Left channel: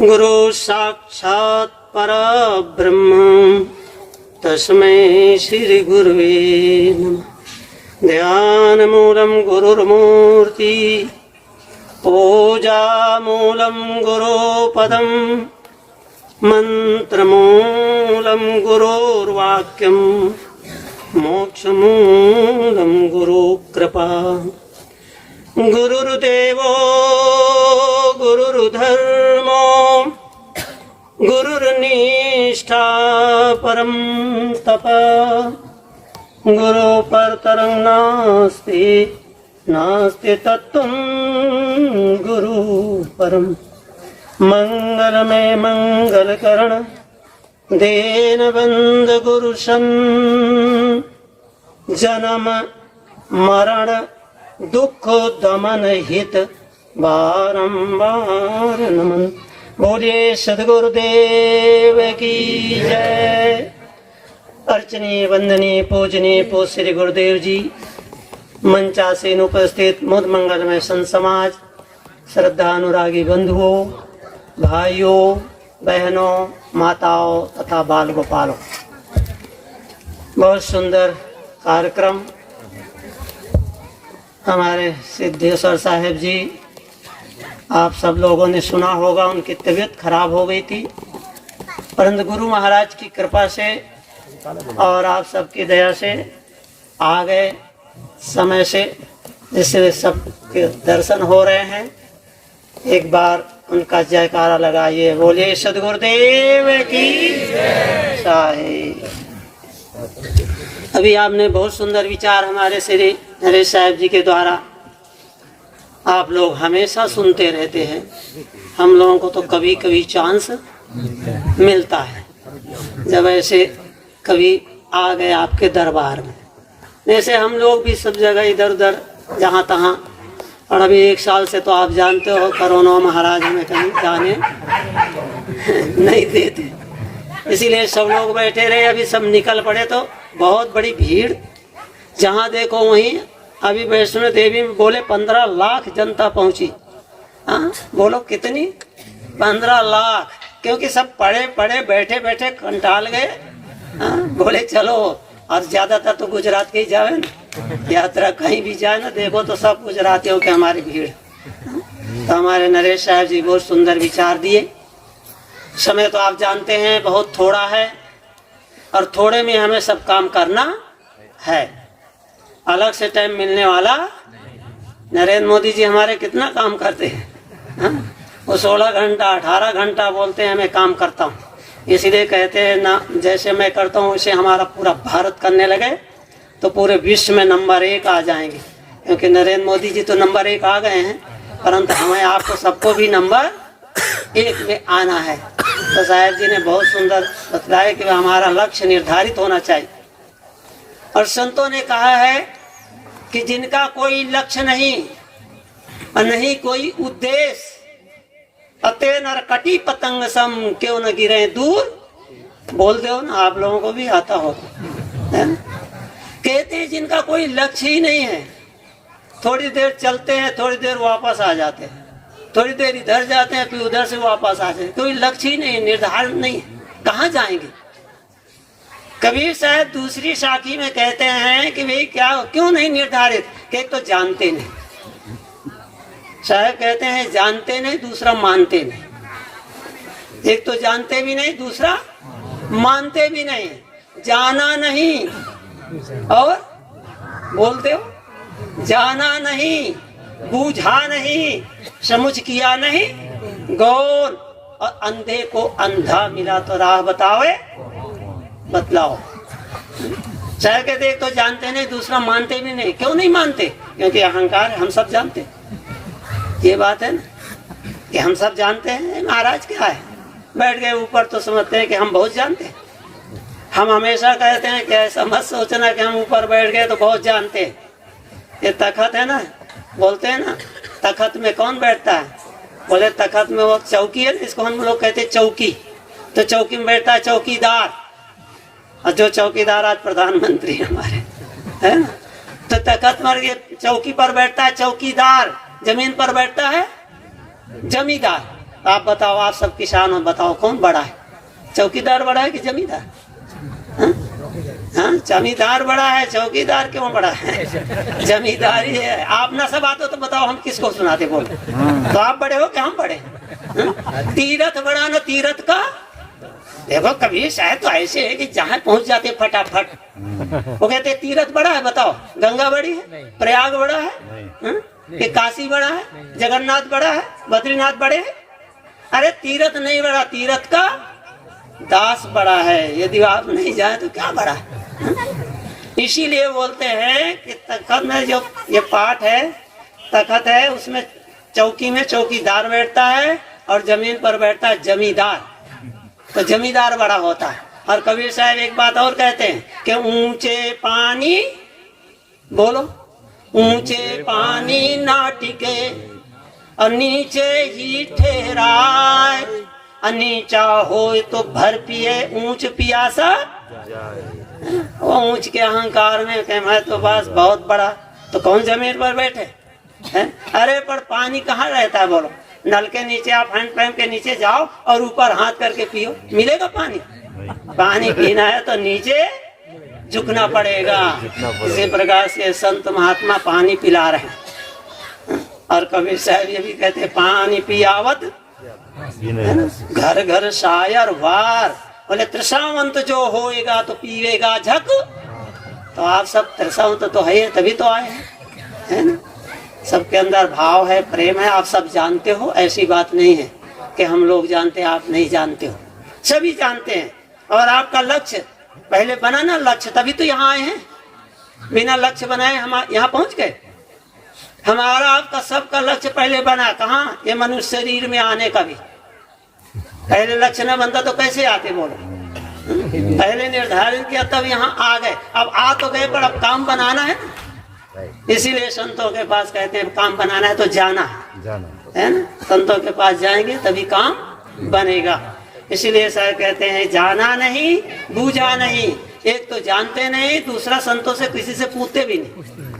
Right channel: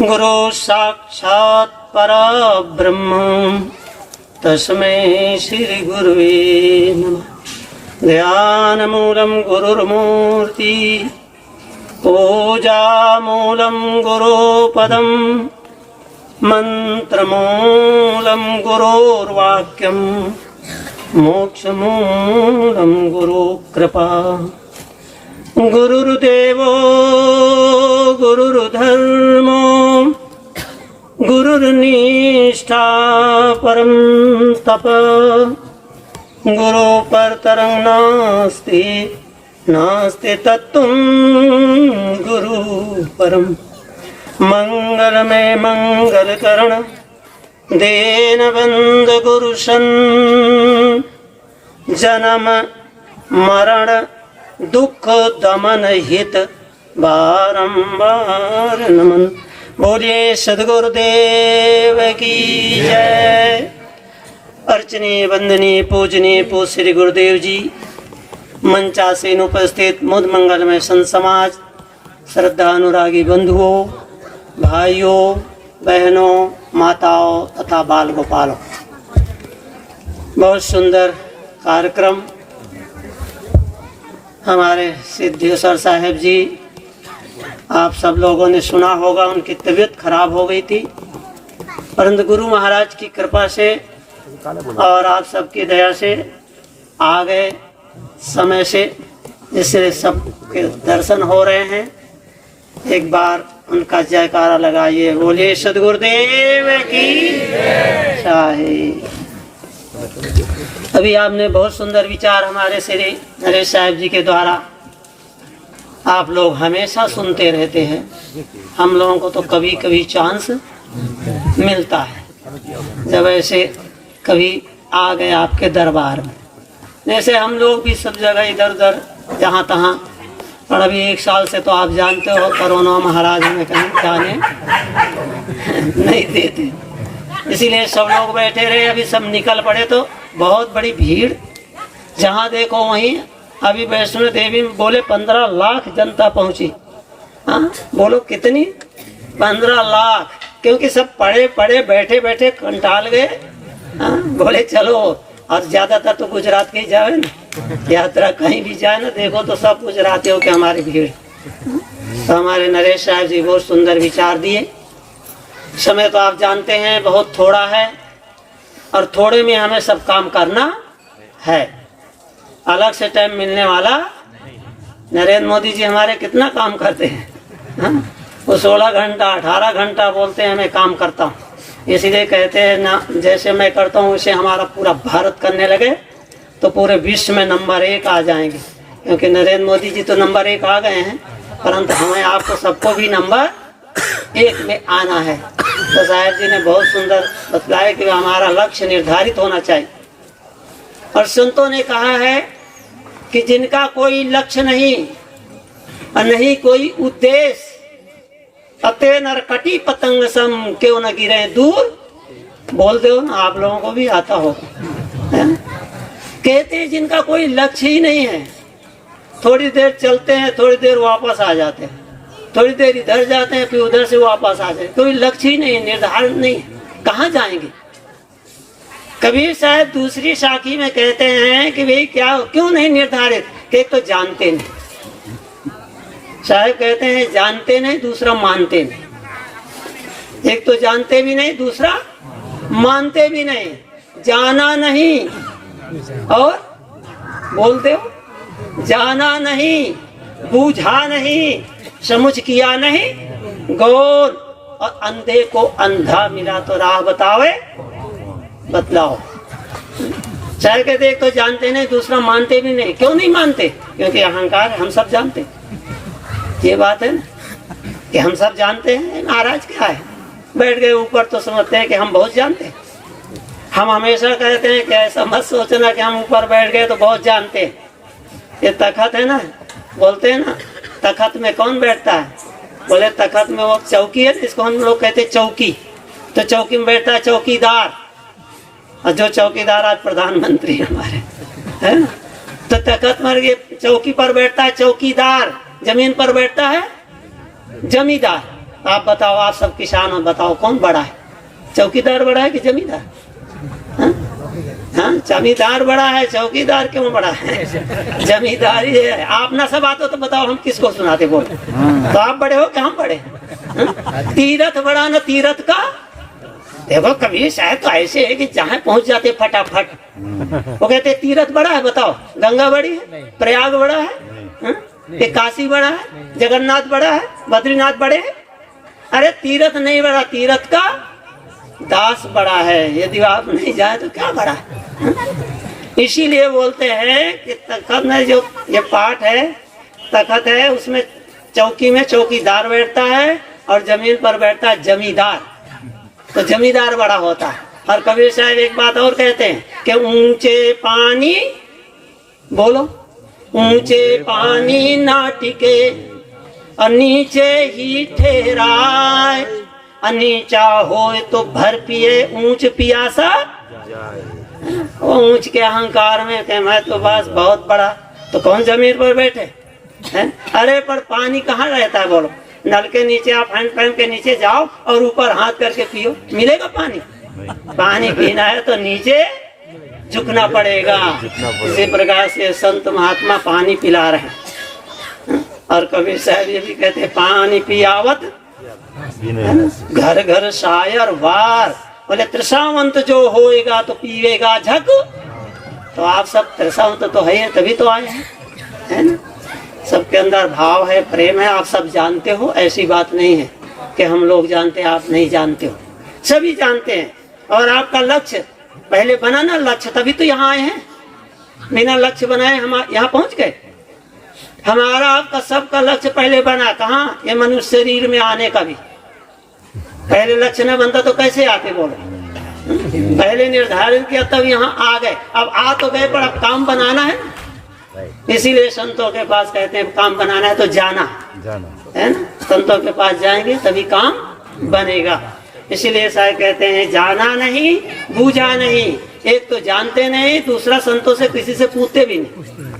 गुरु साक्षात् परब्रह्म तस्मै श्री गुरुवे नमः। ध्यानमूलं गुरुर्मूर्ति पूजामूलं गुरुपदं मंत्रमूलं गुरुर्वाक्यं मोक्षमूलं गुरुकृपा। गुरुर्देवो गुरुर्धर्मो गुरुर्निष्ठा परं तप। गुरु परतरं नास्ति नास्ति तत्त्वं गुरु परम। मंगलमय मंगलकरण दीनबंधु गुरुशन जन्म मरण दुख दमन हित बारंबार नमन। बोलिए सद्गुरुदेव की जय। अर्चनीय वंदनीय पूजनीय पो श्री गुरुदेव जी, मंचासीन उपस्थित मुद मंगलमय संत समाज, श्रद्धा अनुरागी बंधुओं, भाइयों बहनों, माताओं तथा बाल गोपालों, बहुत सुंदर कार्यक्रम। हमारे सिद्धेश्वर साहेब जी, आप सब लोगों ने सुना होगा, उनकी तबीयत खराब हो गई थी, परंतु गुरु महाराज की कृपा से और आप सबकी दया से आ गए समय से, जिससे सबके दर्शन हो रहे हैं। एक बार उनका जयकारा लगाइए। बोलिए सद्गुरुदेव की जय। अभी आपने बहुत सुंदर विचार हमारे श्री नरेश साहब जी के द्वारा आप लोग हमेशा सुनते रहते हैं। हम लोगों को तो कभी कभी चांस मिलता है, जब ऐसे कभी आ गए आपके दरबार में। जैसे हम लोग भी सब जगह इधर उधर जहाँ तहाँ, और अभी एक साल से तो आप जानते हो कोरोना महाराज हमें कहीं जाने नहीं देते, इसीलिए सब लोग बैठे रहे। अभी सब निकल पड़े तो बहुत बड़ी भीड़, जहाँ देखो वहीं। अभी वैष्णो देवी में बोले 15 लाख जनता पहुंची। हाँ बोलो कितनी? 15 लाख, क्योंकि सब पड़े पड़े बैठे बैठे कंटाल गए। हाँ बोले चलो, और ज्यादातर तो गुजरात के ही जाए ना, यात्रा कहीं भी जाए ना, देखो तो सब गुजरातियों के हमारी भीड़। तो हमारे नरेश साहब जी बहुत सुंदर विचार दिए। समय तो आप जानते हैं बहुत थोड़ा है, और थोड़े में हमें सब काम करना है। अलग से टाइम मिलने वाला। नरेंद्र मोदी जी हमारे कितना काम करते हैं, वो 16 घंटा 18 घंटा बोलते हैं मैं काम करता हूँ। इसलिए कहते हैं ना, जैसे मैं करता हूँ उसे हमारा पूरा भारत करने लगे तो पूरे विश्व में नंबर 1 आ जाएंगे। क्योंकि नरेंद्र मोदी जी तो नंबर 1 आ गए हैं, परंतु हमें आपको सबको भी नंबर 1 में आना है। तो साहब जी ने बहुत सुंदर बतलाया कि हमारा लक्ष्य निर्धारित होना चाहिए। और संतों ने कहा है कि जिनका कोई लक्ष्य नहीं और नहीं कोई उद्देश्य, अते नरकटी पतंग सम क्यों न गिरे दूर। बोल दो ना, आप लोगों को भी आता होगा। कहते हैं जिनका कोई लक्ष्य ही नहीं है, थोड़ी देर चलते हैं, थोड़ी देर वापस आ जाते हैं, थोड़ी देर इधर जाते हैं, फिर उधर से वापस आते हैं। कोई लक्ष्य ही नहीं, निर्धारण नहीं, कहाँ जाएंगे। कबीर साहब दूसरी साखी में कहते हैं कि भाई क्या क्यों नहीं निर्धारित, कि तो जानते नहीं। साहब कहते हैं जानते नहीं, दूसरा मानते नहीं। एक तो जानते भी नहीं, दूसरा मानते भी नहीं। जाना नहीं और बोलते हो, जाना नहीं, बूझा नहीं, समझ किया नहीं, गौर। और अंधे को अंधा मिला तो राह बतावे बतलाओ। चाहे कहते एक तो जानते नहीं, दूसरा मानते भी नहीं। क्यों नहीं मानते? क्योंकि अहंकार, हम सब जानते। ये बात है ना कि हम सब जानते हैं। महाराज क्या है, बैठ गए ऊपर तो समझते हैं कि हम बहुत जानते हैं। हम हमेशा कहते हैं कि ऐसा मत सोचना कि हम ऊपर बैठ गए तो बहुत जानते हैं। ये तखत है ना, बोलते हैं ना, तखत में कौन बैठता है? बोले तखत में वो चौकी है, इसको हम लोग कहते हैं चौकी। तो चौकी में बैठता है चौकीदार, और जो चौकीदार आज प्रधानमंत्री हमारे है। तो तखत मर गए, चौकी पर बैठता है चौकीदार, जमीन पर बैठता है जमींदार। आप बताओ, आप सब किसान हो, बताओ कौन बड़ा है? चौकीदार बड़ा है कि जमींदार? हाँ, जमींदार बड़ा है, चौकीदार क्यों बड़ा है? जमींदारी है। आप ना सब आते हो तो बताओ हम किसको सुनाते? बोलो तो आप बड़े हो कि हम बड़े? तीरथ बड़ा ना तीरथ का। देखो कभी शायद तो ऐसे है कि जहाँ पहुंच जाते फटाफट। वो कहते तीरथ बड़ा है, बताओ गंगा बड़ी है, प्रयाग बड़ा है, कि काशी बड़ा है, जगन्नाथ बड़ा है, बद्रीनाथ बड़े हैं? अरे तीरथ नहीं बड़ा, तीरथ का दास बड़ा है। यदि आप नहीं जाए तो क्या बड़ा है? इसीलिए बोलते हैं कि तखत में जो ये पाठ है, तखत है, उसमें चौकी में चौकीदार बैठता है और जमीन पर बैठता है जमींदार। तो जमींदार बड़ा होता है। और कबीर साहब एक बात और कहते हैं कि ऊंचे पानी, बोलो, ऊंचे पानी ना टिके और नीचे ही ठहराए, नीचा हो तो भर पिए ऊंच पियासा। ऊंच के अहंकार में कि मैं तो बस बहुत बड़ा, तो कौन जमीन पर बैठे हैं? अरे पर पानी कहाँ रहता है? बोलो, नल के नीचे आप हैंडपंप के नीचे जाओ और ऊपर हाथ करके पियो, मिलेगा पानी? पानी पीना है तो नीचे झुकना पड़ेगा। इसी प्रकार से संत महात्मा पानी पिला रहे हैं। और कबीर साहब ये भी कहते हैं, पानी पियावत घर घर शायर वार। बोले त्रिसावंत जो होएगा तो पीवेगा झक। तो आप सब त्रिसावंत तो है, तभी तो आए हैं, है ना? सबके अंदर भाव है, प्रेम है, आप सब जानते हो। ऐसी बात नहीं है कि हम लोग जानते हैं आप नहीं जानते हो, सभी जानते हैं। और आपका लक्ष्य पहले बना ना, लक्ष्य, तभी तो यहाँ आए हैं। बिना लक्ष्य बनाए हम यहाँ पहुंच गए। हमारा आपका सबका लक्ष्य पहले बना, कहाँ? ये मनुष्य शरीर में आने का भी पहले लक्ष्य न बनता तो कैसे आते? बोलो, पहले निर्धारित किया तब यहाँ आ गए। अब आ तो गए पर अब काम बनाना है। इसीलिए संतों के पास कहते हैं काम बनाना है तो जाना है ना। संतों के पास जाएंगे तभी काम बनेगा। इसीलिए साहब कहते हैं जाना नहीं, बूझा नहीं। एक तो जानते नहीं, दूसरा संतों से किसी से पूछते भी नहीं।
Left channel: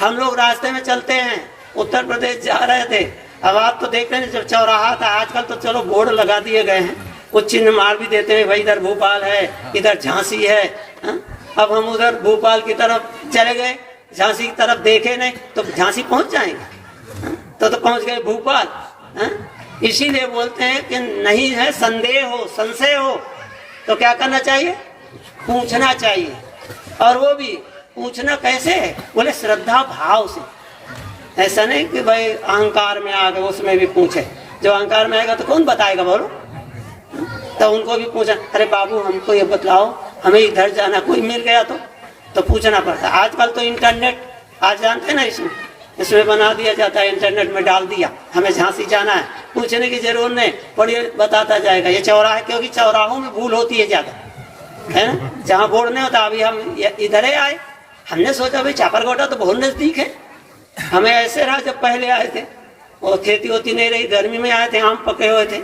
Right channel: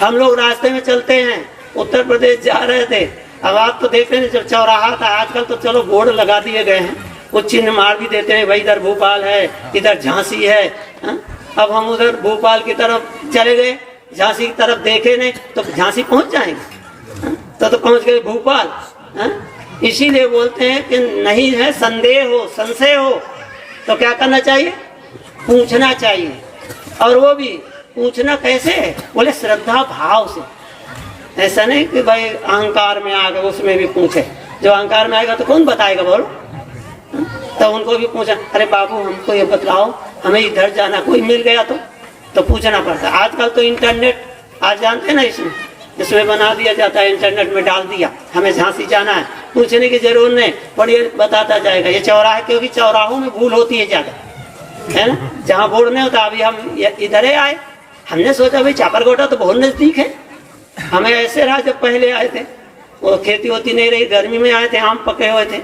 हम लोग रास्ते में चलते हैं, उत्तर प्रदेश जा रहे थे। अब आप तो देख रहे हैं जब चौराहा था, आजकल तो चलो बोर्ड लगा दिए गए हैं, कुछ चिन्ह मार भी देते हैं, भाई इधर भोपाल है, इधर झांसी है। अब हम उधर भोपाल की तरफ चले गए, झांसी की तरफ देखे नहीं तो झांसी पहुंच जाएंगे, तो पहुंच गए भोपाल। इसीलिए बोलते हैं कि नहीं है संदेह हो, संशय हो तो क्या करना चाहिए? पूछना चाहिए। और वो भी पूछना कैसे है? बोले श्रद्धा भाव से। ऐसा नहीं कि भाई अहंकार में आकर उसमें भी पूछे। जो अहंकार में आएगा तो कौन बताएगा? बोलो, तो उनको भी पूछा, अरे बाबू हमको ये बताओ, हमें इधर जाना, कोई मिल गया तो पूछना पड़ता है। आजकल तो इंटरनेट, आज जानते ना, इसमें बना दिया जाता है, इंटरनेट में डाल दिया, हमें झांसी जाना है, पूछने की जरूरत नहीं, बढ़िया बताता जाएगा। ये चौराहे, क्योंकि चौराहों में भूल होती है ज्यादा, है ना? जहाँ बोर्ड नहीं होता। अभी हम इधर ही आए, हमने सोचा भाई चापरकोटा तो बहुत नजदीक है। हमें ऐसे रहा जब पहले आए थे, वो खेती होती नहीं रही, गर्मी में आए थे, आम पके हुए थे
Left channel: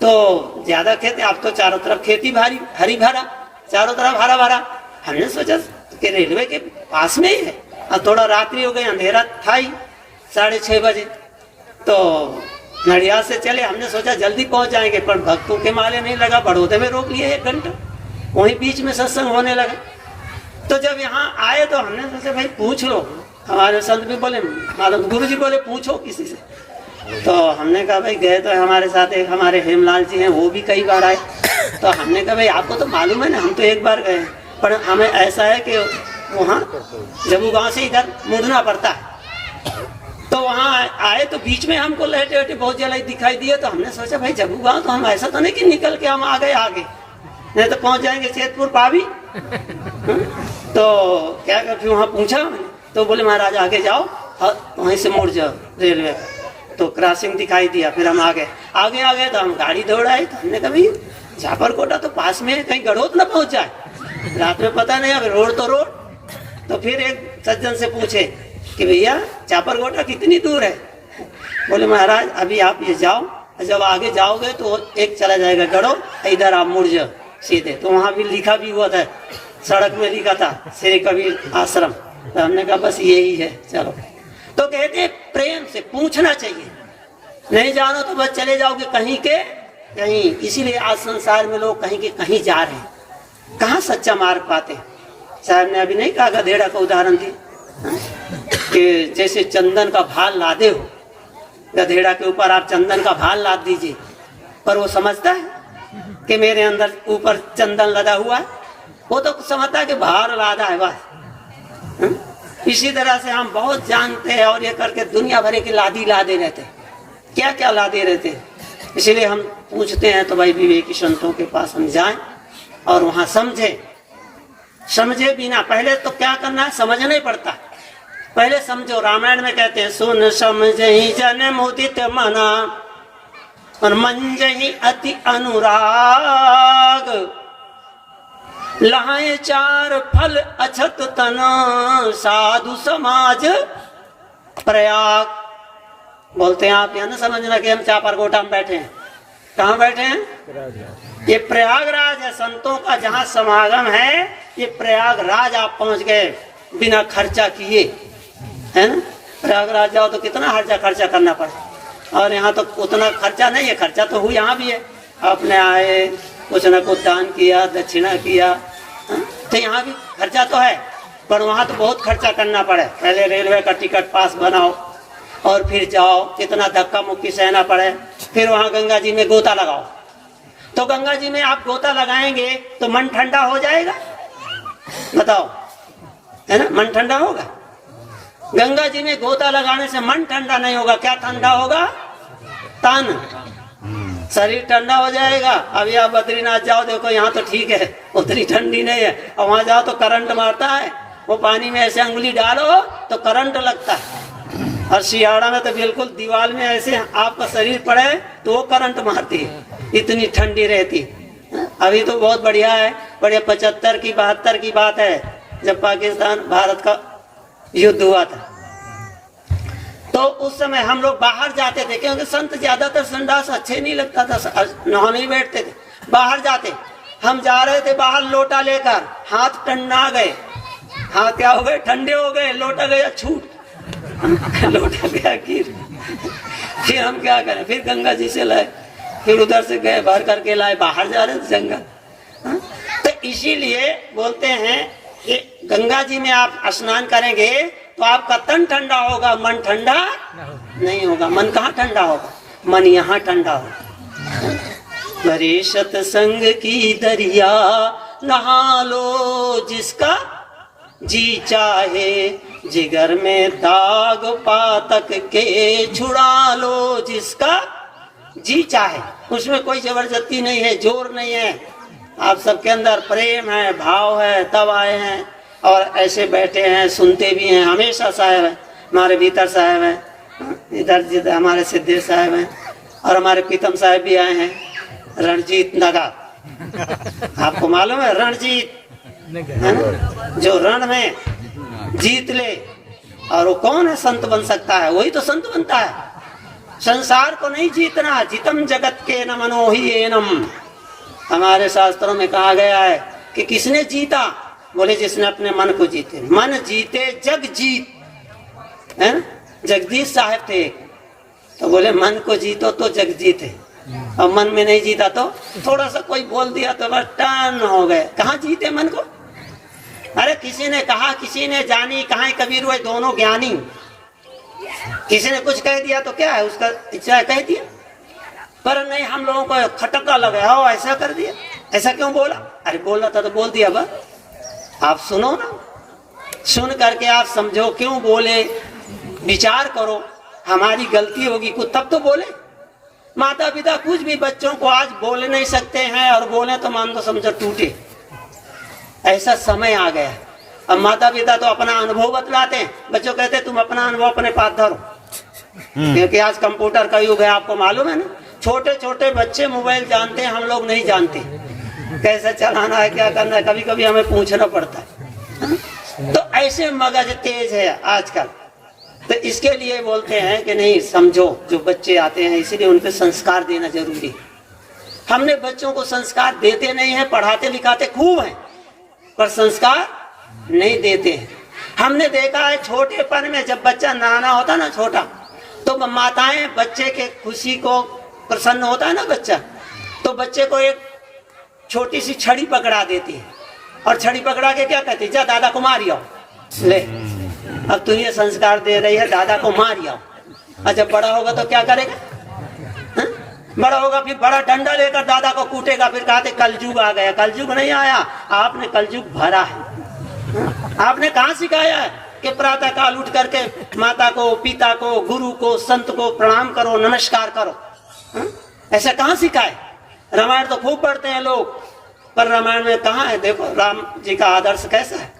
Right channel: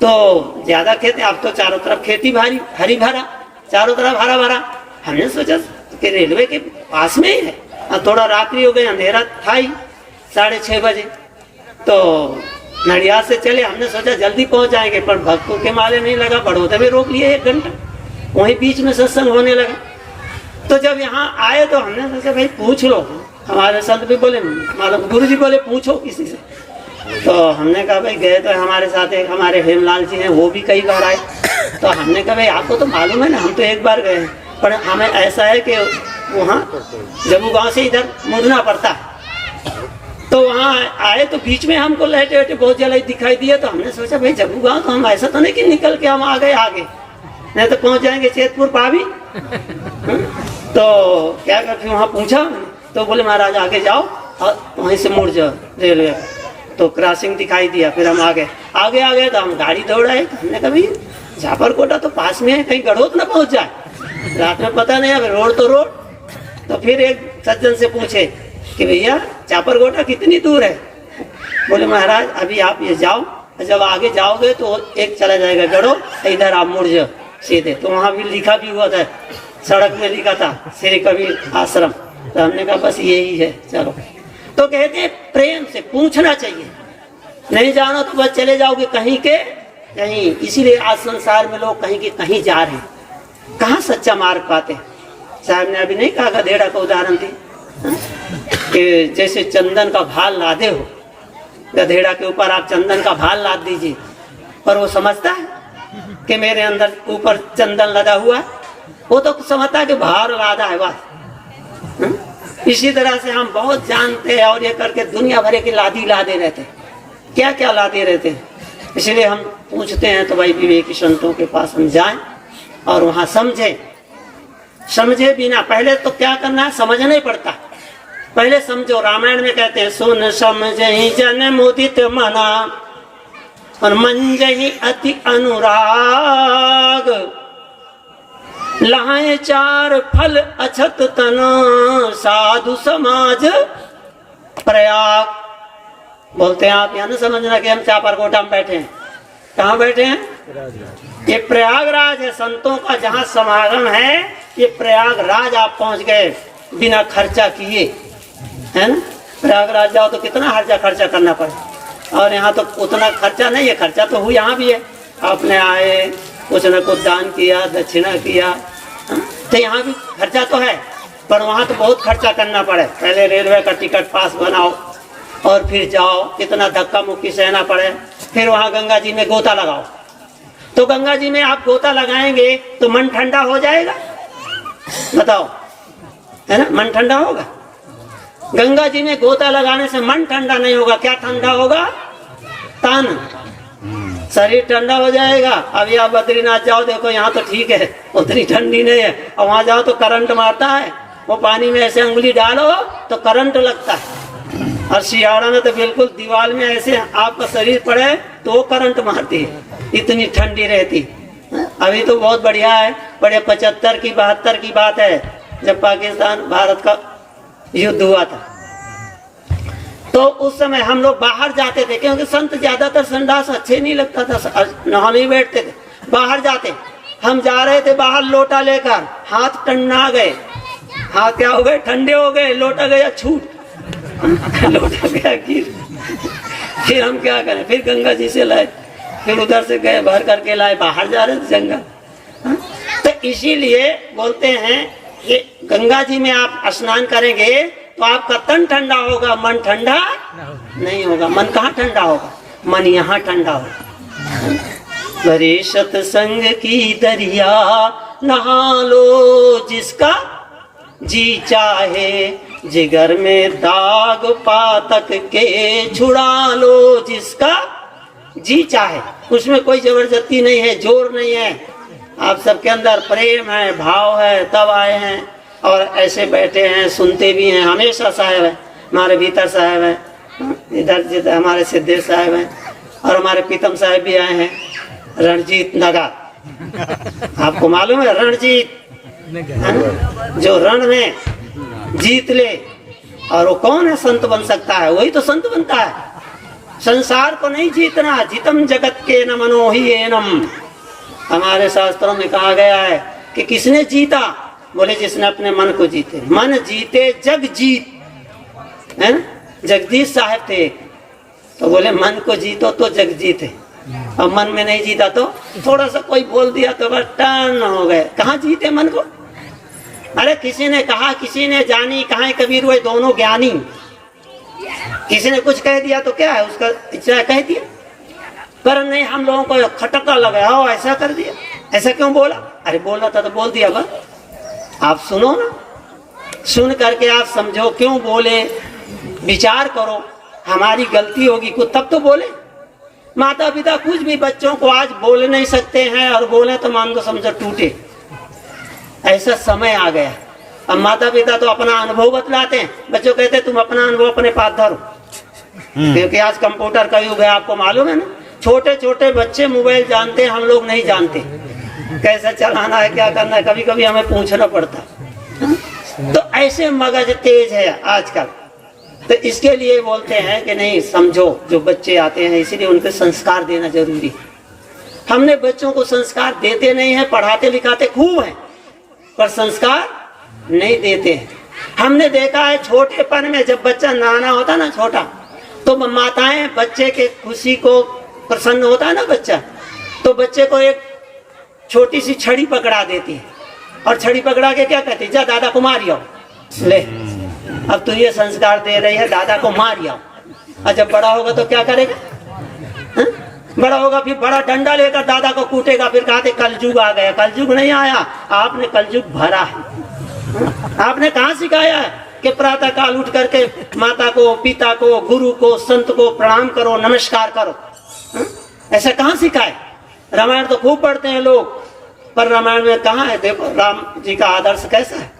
तो ज्यादा खेती। अब तो चारों तरफ खेती भारी, हरी भरा, चारों तरफ हरा भरा। हमने सोचा कि रेलवे के पास में ही है। और थोड़ा रात्रि हो गई, अंधेरा था ही, 6:30 बजे। तो नडियाद से चले, हमने सोचा जल्दी पहुंच जाएंगे, पर भक्तों के माले नहीं लगा, बड़ौदे में रोक लिए 1 घंटा, वहीं बीच में सत्संग होने लगा। तो जब यहाँ आए तो हमने सोचा भाई पूछ लो। हमारे संत भी बोले, गुरु जी बोले पूछो किसी से। तो हमने कहा भाई गए तो हमारे साथ एक हमारे हेमलाल जी हैं, वो भी कई बार आए। तो हमने कहा भाई आपको तो मालूम है ना, हम तो 1 बार गए, पर हमें ऐसा है कि वहाँ जम्मू गांव से इधर मुड़ना पड़ता। तो वहाँ आए तो बीच में हमको लेटे लेटे बहुत जल्दी दिखाई दिया। तो हमने सोचा भाई जम्मू गांव, तो हम ऐसा तो नहीं कि निकल के हम आ गए आगे, नहीं तो पहुंच जाएंगे चेतपुर पावी। तो क्या करते, वहाँ पूछा तो बोले महाराज आगे जाओ और वहीं से मुड़ जाओ रेलवे। तो क्रॉसिंग दिखाई दिया, फिर हम आगे तो हम गाड़ी दौड़ाए। तो हमने कहा भाई झापरकोटा तो पास में है, कहीं गढ़ोत ना पहुंच जाए, रात में पता नहीं, अगर रोड तो रोड। तो फिर एक सज्जन से पूछे कि भैया चापरकोटा कितनी दूर है? बोले महाराज अभी आप ये जाओ, जब आगे जाओगे तो एक चला जाएगा गढ़ो, इधर आप मुड़ जाओ सीधे। तो वहाँ भी लिखा भी हुआ था, सड़क में लिखा था श्री कबीर आश्रम। तो हमने कहा बस यही है, चलो। तो कहते प्रेम से पूछना चाहिए, नहीं जानो तो बस चले जाओगे कहीं के कहीं। इसीलिए आज संसार में लोग कहीं के कहीं जा रहे हैं, कहाँ सच्चा मार्ग पाते। साहब ने अभी नहीं कहा, गधेड़ा का उदाहरण दी कि जैसे चंदन का भाल लादे हो, गधेड़ा के ऊपर आप चंदन का भाल लाद दीजिए, पर वो समझता है कि मेरे अंदर ऊपर चंदन लगा हुआ है? वो तो समझता है कि भार लादा है बस। इसी तरह से हम बहुत जानते हैं और ये करके दुनिया भरे की लादी लादे रहते हैं, क्या क्या लादे रहते हैं। इसीलिए हम पूछते हैं तो भाई विवेकी संतों के पास हम जाएं और वहां समझे बिना पहले तो क्या करना है, समझना ही पड़ता। पहले समझो। रामायण में कहते हैं सुन समझहि जन मुदित मना और मंजहि अति अनुराग, लाए चार फल अछत तन साधु समाज प्रयाग। बोलते हैं आप यहाँ न समझना कि हम चापरकोटा में बैठे हैं। कहाँ बैठे हैं? ये प्रयागराज है, संतों का जहाँ समागम है। ये प्रयागराज आप पहुंच गए बिना खर्चा किए, है ना। प्रयागराज जाओ तो कितना खर्चा करना पड़े, और यहाँ तो उतना खर्चा नहीं है। खर्चा तो हुई यहाँ भी है, आपने आए कुछ न कुछ दान किया, दक्षिणा किया, तो यहाँ भी खर्चा तो है, पर वहाँ तो बहुत खर्चा करना पड़े। पहले रेलवे का टिकट पास बनाओ और फिर जाओ, कितना धक्का मुक्की सहना पड़े। फिर वहाँ गंगा जी में गोता लगाओ, तो गंगा जी में आप गोता लगाएंगे तो मन ठंडा हो जाएगा? बताओ, है ना, मन ठंडा होगा? गंगा जी में गोता लगाने से मन ठंडा नहीं होगा। क्या ठंडा होगा? तन, शरीर ठंडा हो जाएगा। अभी आप बद्रीनाथ जाओ, देखो यहाँ तो ठीक है, उतनी ठंडी नहीं है, और वहां जाओ तो करंट मारता है। वो पानी में ऐसे उंगली डालो तो करंट लगता है, और सियाड़ा में तो बिल्कुल दीवार में ऐसे आपका शरीर पड़े तो वो करंट मारती है, इतनी ठंडी रहती। अभी तो बहुत बढ़िया है, बढ़िया 75 की 72 की बात है, जब पाकिस्तान भारत का युद्ध हुआ था, तो उस समय हम लोग बाहर जाते थे, क्योंकि संत ज्यादातर संडास अच्छे नहीं लगता था, नहाने ही बैठते थे, बाहर जाते। हम जा रहे थे बाहर लोटा लेकर, हाथ टन्ना गए, हाथ क्या हो गए? ठंडे हो गए, लोटा गया छूट, लोटा गया गिर। फिर हम क्या करें? फिर गंगा जी से लाए, फिर उधर से गए भर करके लाए, बाहर जा रहे थे जंगल। तो इसीलिए बोलते हैं कि गंगा जी में आप स्नान करेंगे तो आपका तन ठंडा होगा, मन ठंडा नहीं होगा। मन कहाँ ठंडा होगा? मन यहाँ ठंडा होगा। भरे सत्संग की दरिया नहा लो जिसका जी चाहे, जिगर में दाग पातक के छुड़ा लो जिसका जी चाहे। उसमें कोई जबरदस्ती नहीं है, जोर नहीं है। आप सबके अंदर प्रेम है, भाव है, तब आए हैं और ऐसे बैठे हैं, सुनते भी हैं। हमेशा साहब है, हमारे भीतर साहब है, इधर हमारे सिद्धेश साहब हैं, और हमारे पीतम साहब भी आए हैं, रणजीत नगर। आपको मालूम है रणजीत, जो रण में जीत ले, और वो कौन है संत बन सकता है? वही तो संत बनता है। संसार को नहीं जीतना, जितम जगत के न मनोही एनम। हमारे शास्त्रों में कहा गया है कि किसने जीता? बोले जिसने अपने मन को जीते। मन जीते जग जीत, है ना। जगदीश साहब थे, तो बोले मन को जीतो तो जग जीते, और मन में नहीं जीता तो थोड़ा सा कोई बोल दिया तो बस टर्न हो गए। कहाँ जीते मन को? अरे किसी ने कहा, किसी ने जानी, कहाँ कबीर हुए दोनों ज्ञानी। किसी ने कुछ कह दिया तो क्या है, उसका इच्छा कह दिया, पर नहीं हम लोगों को खटका लगा, हो ऐसा कर दिया, ऐसा क्यों बोला? अरे बोला था तो बोल दिया, बस आप सुनो ना, सुन करके आप समझो क्यों बोले, विचार करो। हमारी गलती होगी कुछ तब तो बोले। माता पिता कुछ भी बच्चों को आज बोल नहीं सकते हैं, और बोले तो मान लो समझो टूटे। ऐसा समय आ गया। अब माता पिता तो अपना अनुभव बतलाते हैं, बच्चों कहते तुम अपना अनुभव अपने पास धरो, क्योंकि आज कंप्यूटर का युग है, आपको मालूम है ना। छोटे छोटे बच्चे मोबाइल जानते हैं, हम लोग नहीं जानते कैसे चलाना है, क्या करना है, कभी कभी हमें पूछना पड़ता। तो ऐसे मगज तेज है आजकल। तो इसके लिए बोलते हैं कि नहीं समझो, जो बच्चे आते हैं इसीलिए उनके संस्कार देना जरूरी है। हमने बच्चों को संस्कार देते नहीं है, पढ़ाते लिखाते खूब है, पर संस्कार नहीं देते हैं। हमने देखा है छोटेपन में जब बच्चा नाना होता ना, छोटा, तो माताएं बच्चे के खुशी को प्रसन्न होता है ना बच्चा, तो बच्चे को एक छोटी सी छड़ी पकड़ा देती है और छड़ी पकड़ा के क्या कहती है, जा दादा को मारियो, ले अब तू ये संस्कार दे रही है दादा को मारियो। और जब बड़ा होगा तो क्या करेगा, बड़ा होगा फिर बड़ा डंडा लेकर दादा को कूटेगा, फिर कहते कलयुग आ गया। कलयुग नहीं आया, आपने कलयुग भरा है। आपने कहाँ सिखाया है कि प्रातः काल उठ करके माता को, पिता को, गुरु को, संत को प्रणाम करो, नमस्कार करो? ऐसा कहाँ सिखाए? रामायण तो खूब पढ़ते हैं लोग, पर रामायण में कहाँ है? देखो राम जी का आदर्श कैसा है।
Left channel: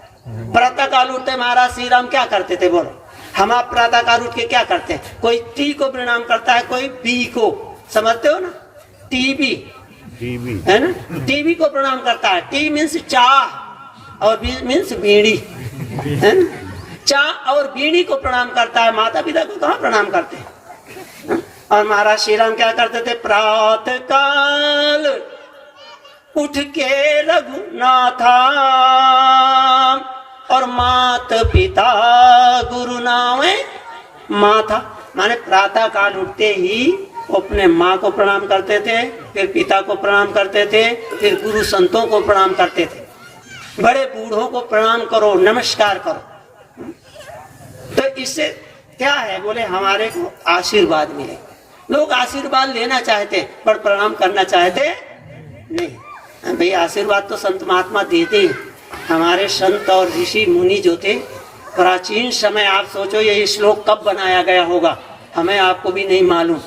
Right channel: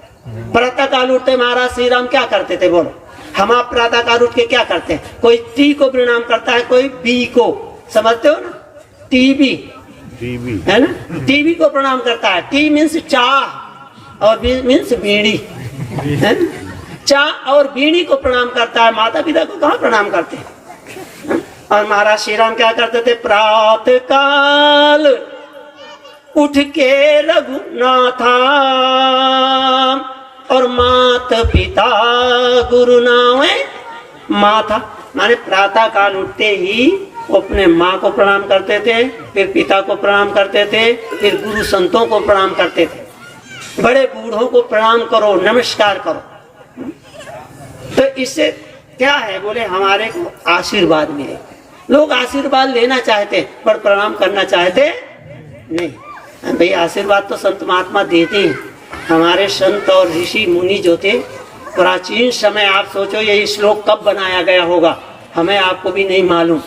प्रातः काल उठते महाराज श्री राम क्या करते थे बोलो? हम आप प्रातः काल उठ के क्या करते हैं? कोई टी को प्रणाम करता है, कोई बी को, समझते हो ना, टीबी है ना, टीबी को प्रणाम करता है। टी मीन्स चाह और बी मीन्स बीड़ी है ना? चाह और बीड़ी को प्रणाम करता है, माता पिता को कहाँ प्रणाम करते हैं? और महाराज श्री राम क्या करते थे? प्रातः काल उठ के रघुनाथा और मात पिता गुरु नावे माता, माने प्रातः काल उठते ही अपने माँ को प्रणाम करते थे, फिर पिता को प्रणाम करते थे, फिर गुरु संतों को प्रणाम करते थे। बड़े बूढ़ों को प्रणाम करो, नमस्कार करो। तो इससे क्या है बोले, हमारे को आशीर्वाद मिले। लोग आशीर्वाद लेना चाहते पर प्रणाम करना चाहते नहीं। भाई आशीर्वाद तो संत महात्मा देते ही। हमारे संत और ऋषि मुनि जो थे प्राचीन समय, आप सोचो ये श्लोक कब बनाया गया होगा, हमें आपको भी नहीं मालूम।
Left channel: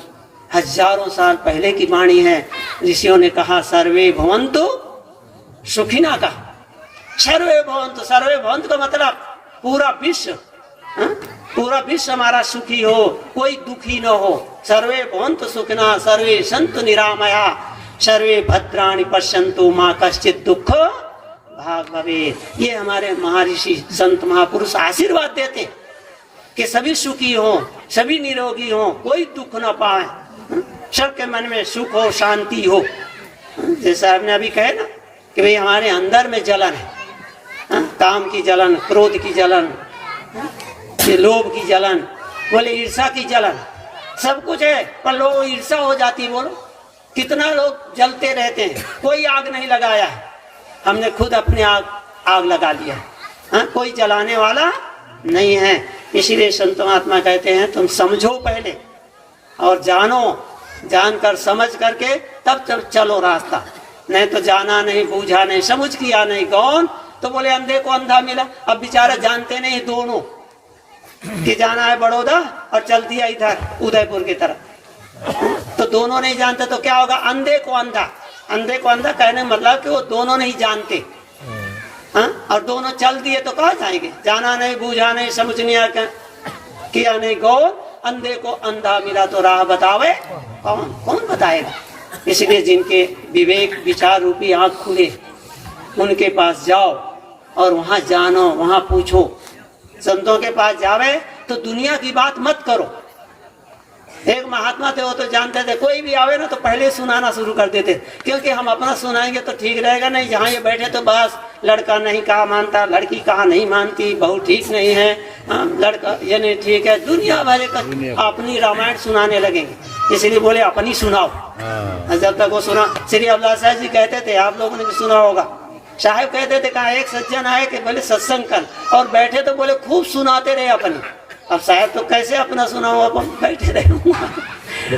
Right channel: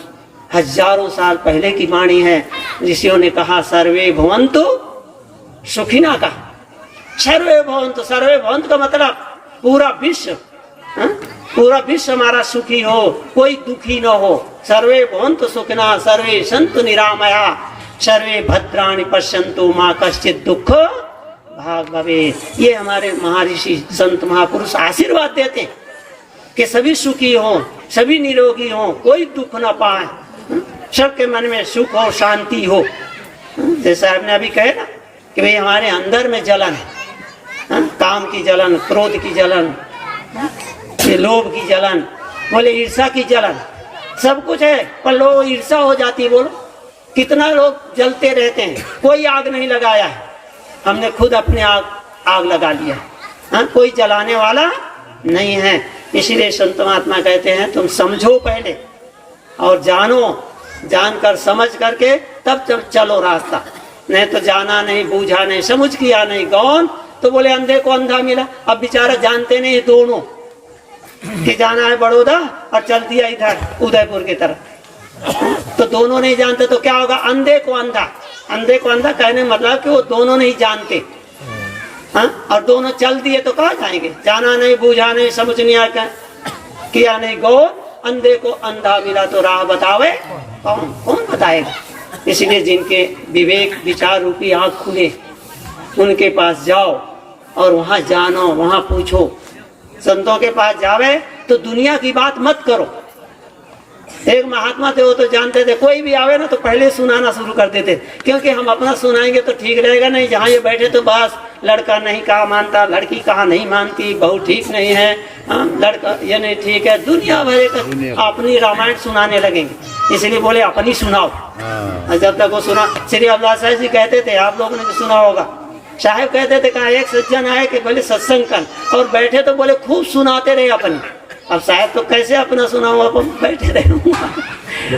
हजारों साल पहले की वाणी है। ऋषियों ने कहा सर्वे भवन्तु सुखिना का। सर्वे भवन्तु, सर्वे भवन्तु का मतलब पूरा विश्व, पूरा विश्व हमारा सुखी हो, कोई दुखी न हो। सर्वे भवन्तु सुखिना, सर्वे सन्तु निरामया, सर्वे भद्राणि पश्यन्तु मां कश्चित् दुख भाग भवेत्। ये हमारे महर्षि संत महापुरुष आशीर्वाद देते हैं कि सभी सुखी हो, सभी निरोगी हो, कोई दुख न पाए, सबके मन में सुख हो, शांति हो। जैसा आपने अभी कहे ना कि भाई हमारे अंदर में जलन है, काम की जलन, क्रोध की जलन, लोभ की जलन, बोले ईर्षा की जलन, सब कुछ है, पर लोग ईर्षा हो जाती। बोलो कितना लोग जलते रहते हैं, कोई आग नहीं लगाया है, हमने खुद अपने आग लगा लिया। कोई जलाने वाला नहीं है। इसीलिए संत महात्मा कहते हैं तुम समझो पहले और जानो, जानकर समझ करके तब चलो रास्ता। नहीं तो जाना नहीं, बूझा नहीं, समझ किया नहीं, कौन तो बोले अंधे को अंधा मिला। अब बेचारा जानते नहीं दोनों कि जाना है बड़ौदा और चल दिया इधर उदयपुर की तरफ, तो दोनों नहीं जानते तो क्या होगा? अंधे को अंधा। अंधे को अंधा कहने मतलब कि वो दोनों नहीं जानते, और दोनों चल दिए तो कहाँ जाएंगे? जाना नहीं, बूझा नहीं, समझ नहीं आया, किया नहीं, गो अंधे को अंधा मिला तो राह बतावे कौन बताएगा? इसलिए जिनके विवेक विचार रूपी आँख खुले उनके पास जाओ और वहाँ जानो, वहाँ पूछो। संतों के पास जावे तो दुनिया की बात मत करो। एक महात्मा थे, वो तो जानते थे कोई भी आवे ना तो पहले सुनाना शुरू कर देते, क्योंकि हम अपना सुनाएंगे तो ठीक रहेगा नहीं। जहाँ ये बैठे तो बस लड़का नहीं कहा मानता, लड़की कहा नहीं मानती, बहू ठीक नहीं है, लड़का ये नहीं ठीक है, दुनिया भर का अपनी रामायण सुनाने लगेंगे। इसलिए बोले अपनी सुनाओ। जब तक वो सुना, श्री अब्दुल्ला साहब जी कहते थे, आप लोगों ने भी सुना होगा, साहब कहते थे कहा एक सज्जन आए कि बोले सत्संग कर, और बैठे तो बोले खूब सुनाते रहे अपने। अब साहब तो कैसे अपना सुनाओ, अपन बैठे रहे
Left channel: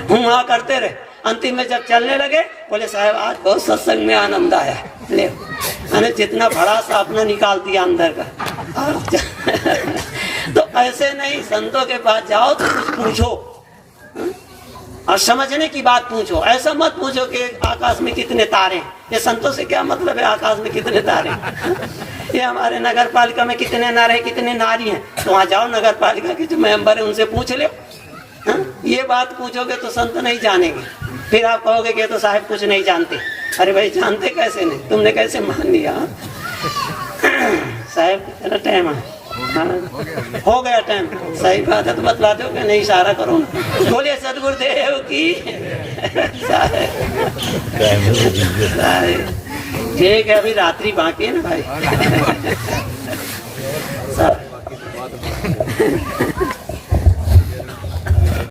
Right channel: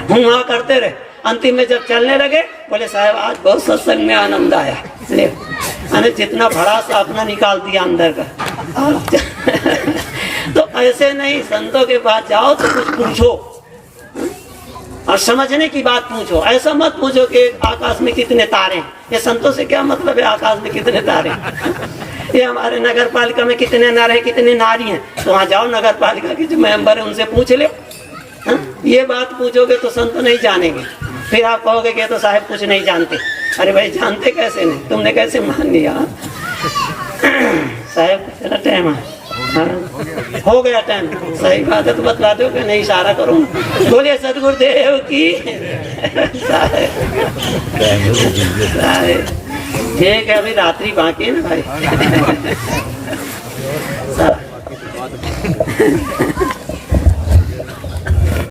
हुआ करते रहे। अंतिम में जब चलने लगे बोले साहब आज बहुत सत्संग में आनंद आया, मैंने जितना भड़ा सा अपना निकाल दिया अंदर का। तो ऐसे नहीं, संतों के पास जाओ तो कुछ पूछो और समझने की बात पूछो। ऐसा मत पूछो कि आकाश में कितने तारे हैं। ये संतों से क्या मतलब है आकाश में कितने तारे हैं? ये हमारे नगर पालिका में कितने नर हैं, कितने नारी हैं, तो वहाँ जाओ नगर पालिका के जो मेंबर है उनसे पूछ ले। ये बात पूछोगे तो संत नहीं जानेंगे, फिर आप कहोगे कि तो साहब कुछ नहीं जानते। अरे भाई जानते कैसे नहीं, तुमने कैसे मान लिया? साहब चलो टाइम हो गया, टाइम सही बात है तो बतला दो कि नहीं, इशारा करो। बोलिए सदगुरुदेव की। ठीक है, अभी रात्रि बाकी है ना भाई।